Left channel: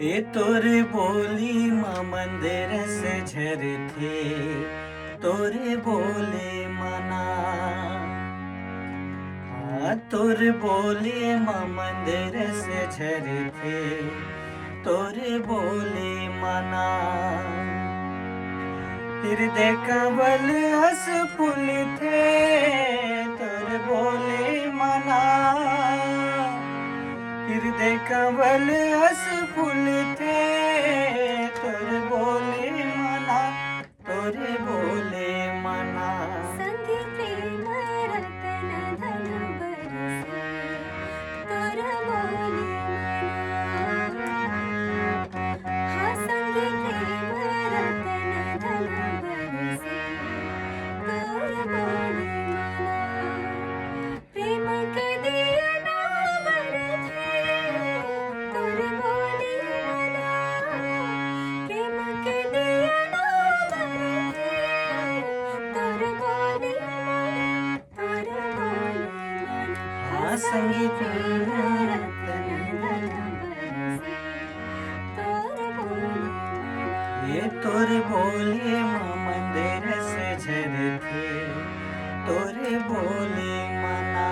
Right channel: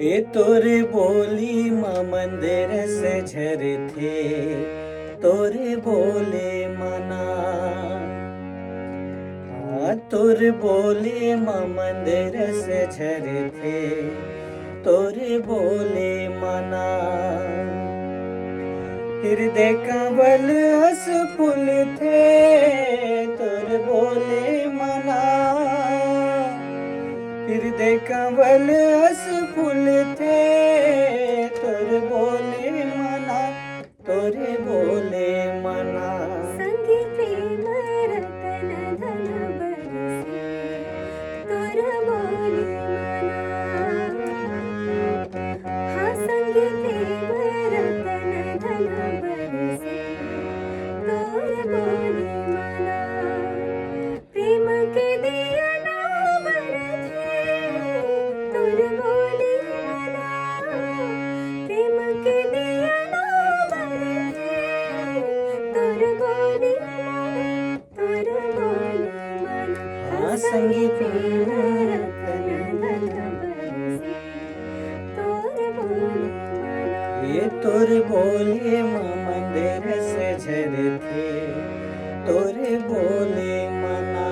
ए तोरे बोली माँ मंदिर से झरथे, तोरे बोले मना। तोरे बोले माँ मंदिर से झरथे, तोरे बोले मना। हृदय कंवल हस फूल थे, तोरे बोले मना। हृदय कंवल हस फूल थे, तोरे बोले मना, तोरे बोले मना। संगी प्रेम रतन धन बरसे, तोर बोले मना। हाँ संगी प्रेम रतन धन बरसे, तोर बोले मना। प्रेम के दिया नावर थे, तोर बोले मना। प्रेम के दिया नावर थे, तोर बोले मना, तोर बोले मना। हाँ संगी प्रेम रतन धन बरसे, तोर बोले मना। ये तोरे बोले माँ मंदिर से झरथे, तोरे बोले मना।